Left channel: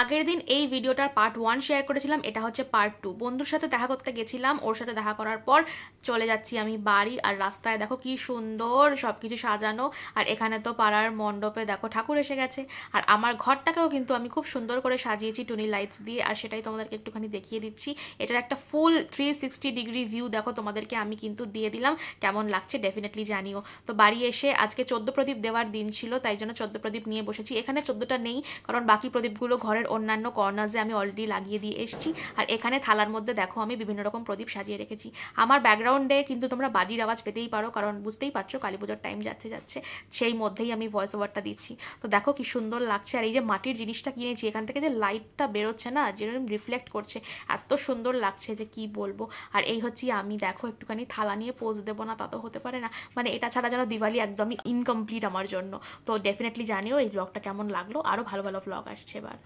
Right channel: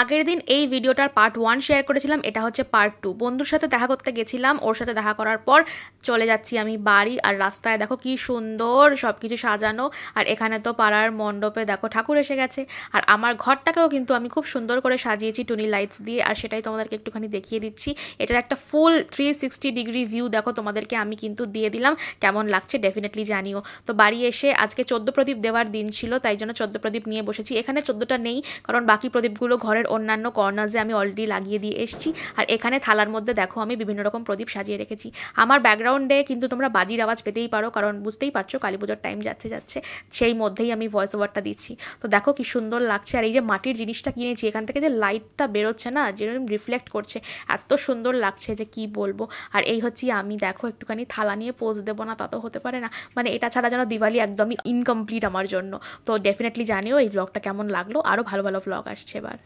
আগের দিন এই ভিডিওটার পার্ট 1 শেয়ার করেছিলাম, এটা হচ্ছে পার্ট 2। বন্ধুর সাথে দেখা করতে গেছিলাম, ওর সাথে দেখা করার পর চলে যাচ্ছি আমি বাড়ি। আর রাস্তায় দেখো কি সুন্দর সব কিছু সাজানো। আর এখানে তো পাড়ার মণ্ডপে দেখো ঠাকুর এসে গেছে। আর আমার ঘরটাকেও কিন্তু আমি খুব সুন্দর করে সাজিয়েছি টুনি লাইটস দিয়ে, আর সেটাই তোমাদেরকে একটুখানি দেখিয়ে দিচ্ছি। এটার একটা ফুল 360 ডিগ্রি ভিউ দেখো তোমাদেরকে আমি কিন্তু দিয়ে দিলাম, কেমন লাগছে ডেফিনেটলি জানিও। তো বাড়ি এসে আজকে 14 প্রদীপ দেওয়ার দিন ছিল, তাই জন্য 14 প্রদীপ নিয়ে বসেছি। এখানে 14টা নেই, কারণ বাকি প্রদীপগুলো ঘরের অন্যান্য কর্নার্সে আমি অলরেডি লাগিয়ে দিয়ে এসেছি। আর এখানে থালার মধ্যে দেখো আমি বিভিন্ন রকম প্রদীপ সাজিয়ে রেখেছি। আমার ব্যাকগ্রাউন্ডে কিন্তু তোমরা বাজির আওয়াজ পেতেই পারো, কারণ বুঝতেই পারছো কালী পুজোর টাইম যাচ্ছে, সেই মধ্যেই আমি ভয়েস ওভারটা দিচ্ছি। তো দেখো কি সুন্দর লাগছে। আর এই যে মাটির জিনিসটা কিনেছি, এখান থেকে যে লাইটটা বেরোচ্ছে না, যেরকম রিফ্লেক্ট করছে, এত সুন্দর লাগছে যে কি বলবো। আর এই হচ্ছে আমি, দেখো একটুখানি থালা নিয়ে পোজ দেবো না তা তো হতে পারে না, মানে এটা ছাড়া যেন দিওয়ালি একদমই ইনকমপ্লিট আমার জন্য। তো ডেফিনেটলি জানিও এই ব্লগটা কেমন লাগলো, আরও ভালো ভালো ব্লগ আসছে এবার।